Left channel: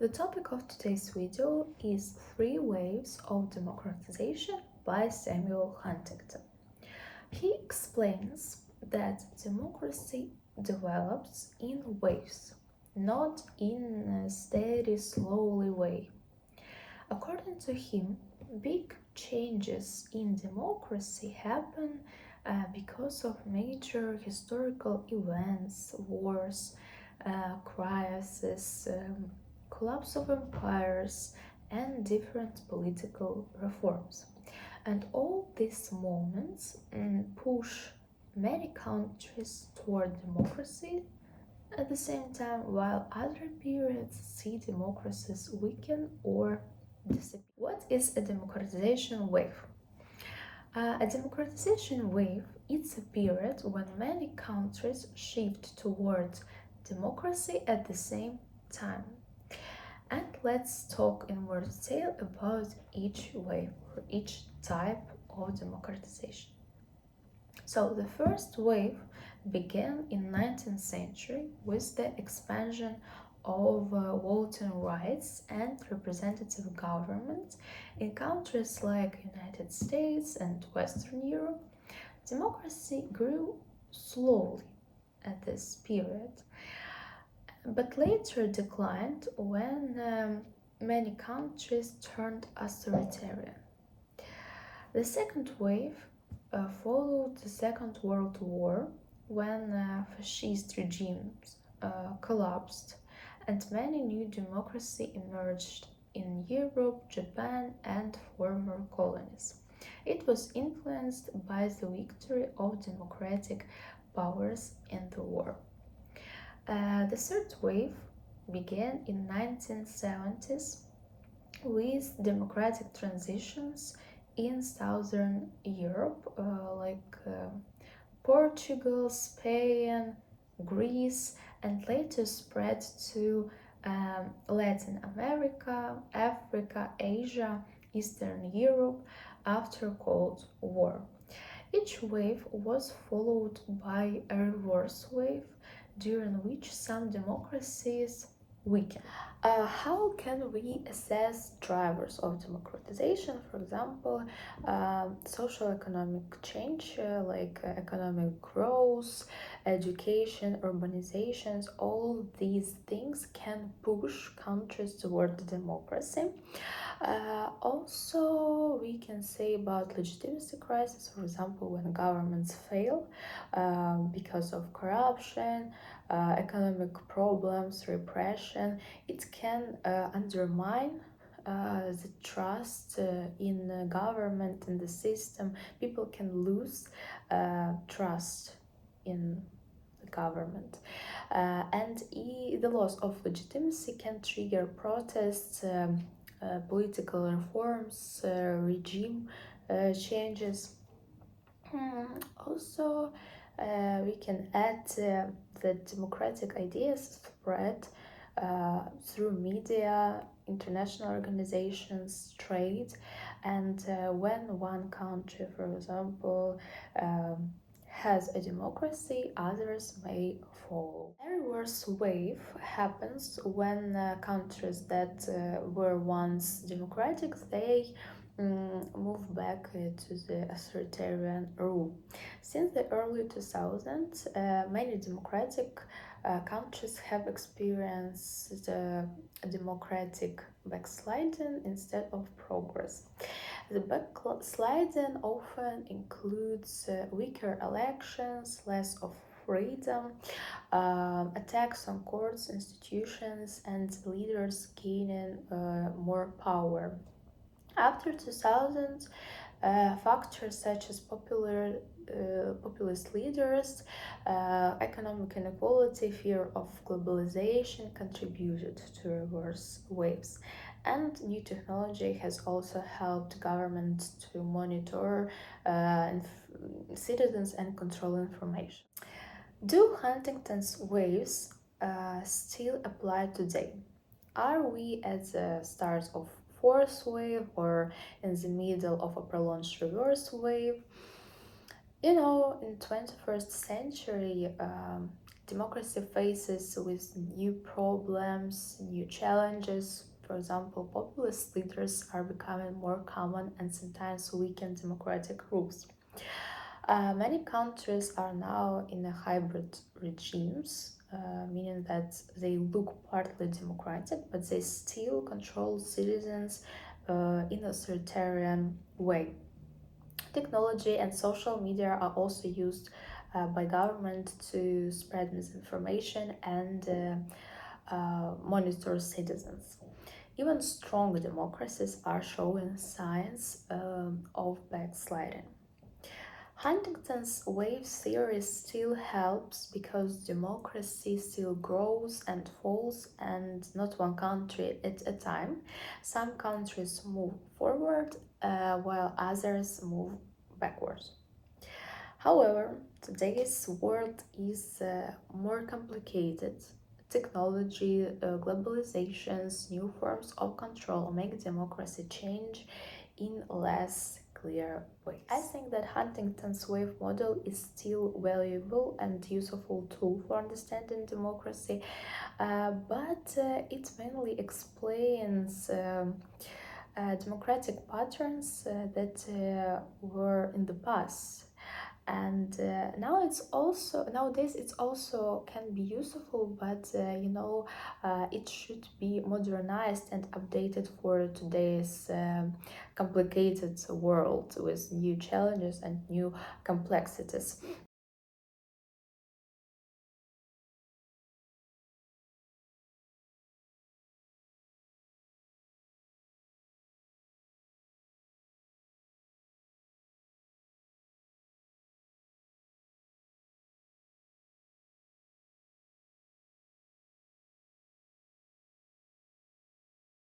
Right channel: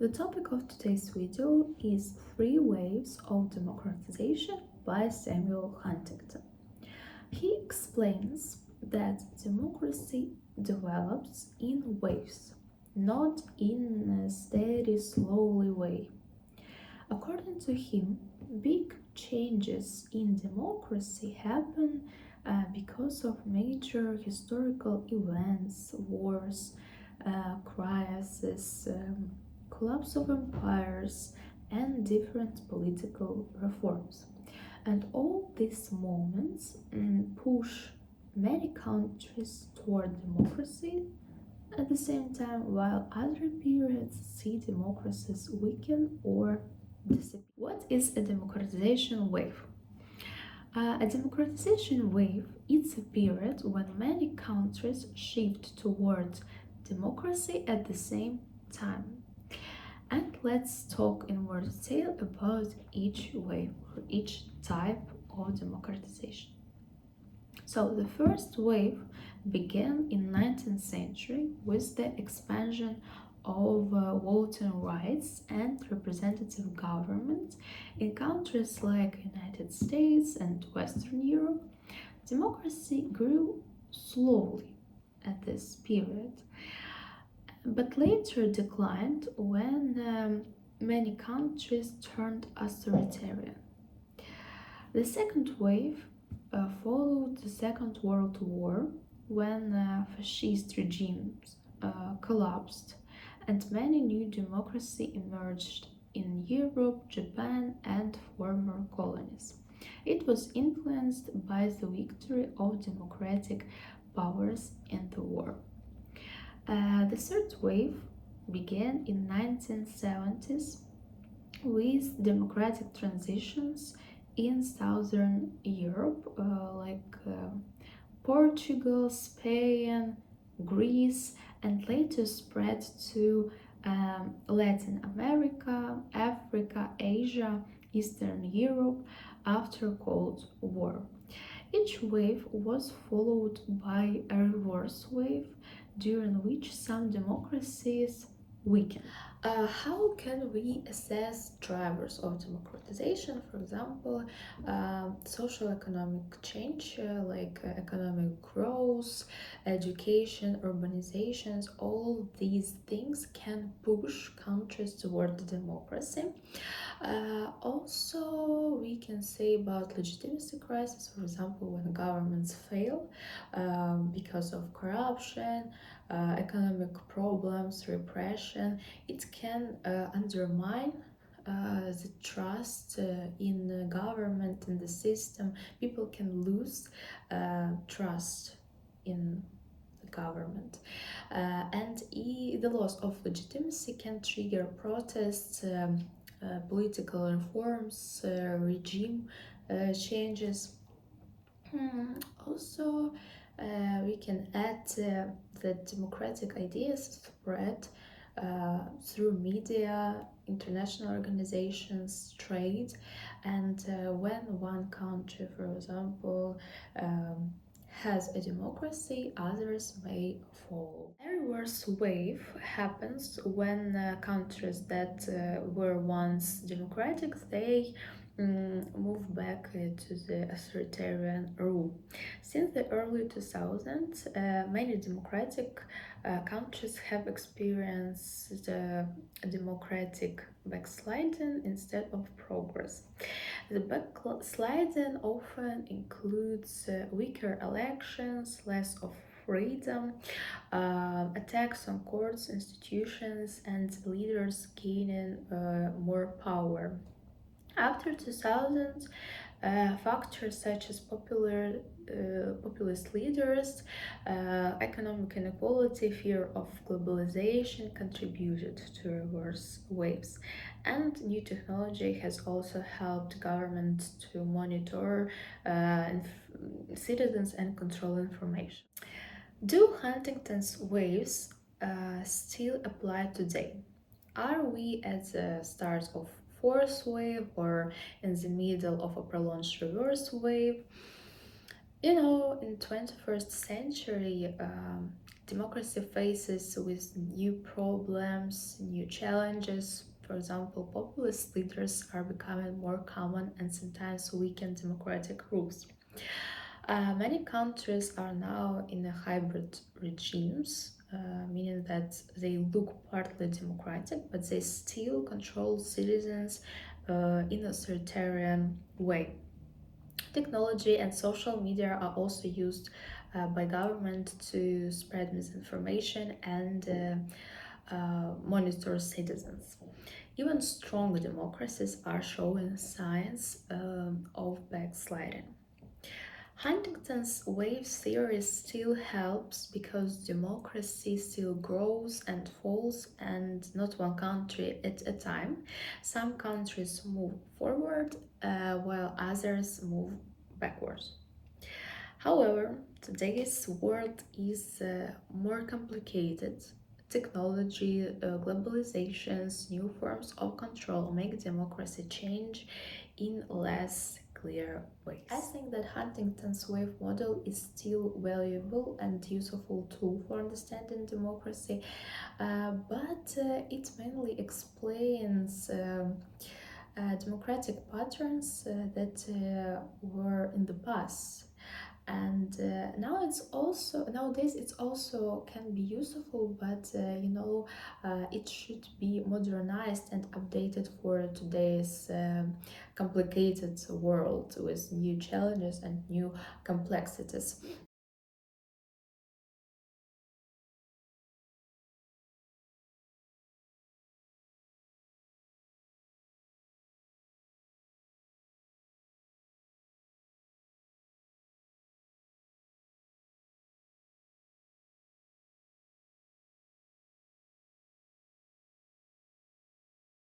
The topic of today's video is Three Waves of Democratization by Samuel Huntington. He explains that democracy develops in waves, not in a steady, slowly way. According to him, big changes in democracy happen because of major historical events, wars, crises, collapse of empires, and different political reforms. And all these moments push many countries toward democracy at the same time, while other periods see democracies weaken or disappear. What is a democratization wave? A democratization wave is a period when many countries shift towards democracy at the same time. And let's talk in more detail about each wave or each type of democratization. So the first wave began in 19th century with the expansion of voting rights and representative government in countries like United States and Western Europe. Democracy grew slowly at this period, but later declined when many countries turned authoritarian. The second wave followed the Second World War when fascist regimes collapsed and many new democracies emerged in Europe, Japan, and former colonies. It was influenced by the victory of democratic powers in the war. The third wave began in 1970s with democratic transitions in Southern Europe, Portugal, Spain, Greece, and later spread to Latin America, Africa, Asia, Eastern Europe after Cold War. Each wave was followed by a reverse wave during which some democracies weakened. How can we assess drivers of democratization? For example, social economic change economic growth, education, urbanizations, all these things can push countries toward democracy. Also, we can say about legitimacy crisis, for example, when governments fail because of corruption, economic problems, repression, it can undermine the trust in the government, in the system. People can lose trust in the government. And the loss of legitimacy can trigger protests, political reforms, regime changes. Also, we can add that democratic ideas spread through media, international organizations, trade, and when one country, for example, has a democracy, others may follow. A reverse wave happens when countries that were once democratic, they move back to the authoritarian rule. Since the early 2000s, many democratic countries have experienced democratic backsliding instead of progress. The backsliding often includes weaker elections, less of freedom, attacks on courts, institutions, and leaders gaining more power. After 2000, factors such as populist leaders, economic inequality, fear of globalization contributed to reverse waves. And new technology has also helped governments to monitor citizens and control information. Do Huntington's waves still apply today? Are we at the start of fourth wave or in the middle of a prolonged reverse wave? In 21st century, democracy faces with new problems, new challenges. For example, populist leaders are becoming more common and sometimes weaken democratic rules. Many countries are now in a hybrid regimes, meaning that they look partly democratic, but they still control citizens in a authoritarian way. Technology and social media are also used by government to spread misinformation and monitor citizens. Even strong democracies are showing signs of backsliding. Huntington's wave theory still helps because democracy still grows and falls, and not one country at a time. Some countries move forward while others move backwards. However, today's world is more complicated. Technology, globalizations, new forms of control make democracy change in less clear ways. I think that Huntington's wave model is still valuable and useful tool for understanding democracy, but it mainly explains democratic patterns that were in the past, and nowadays it's also can be useful, but it should be modernized and updated for today's complicated world with new challenges and new complexities.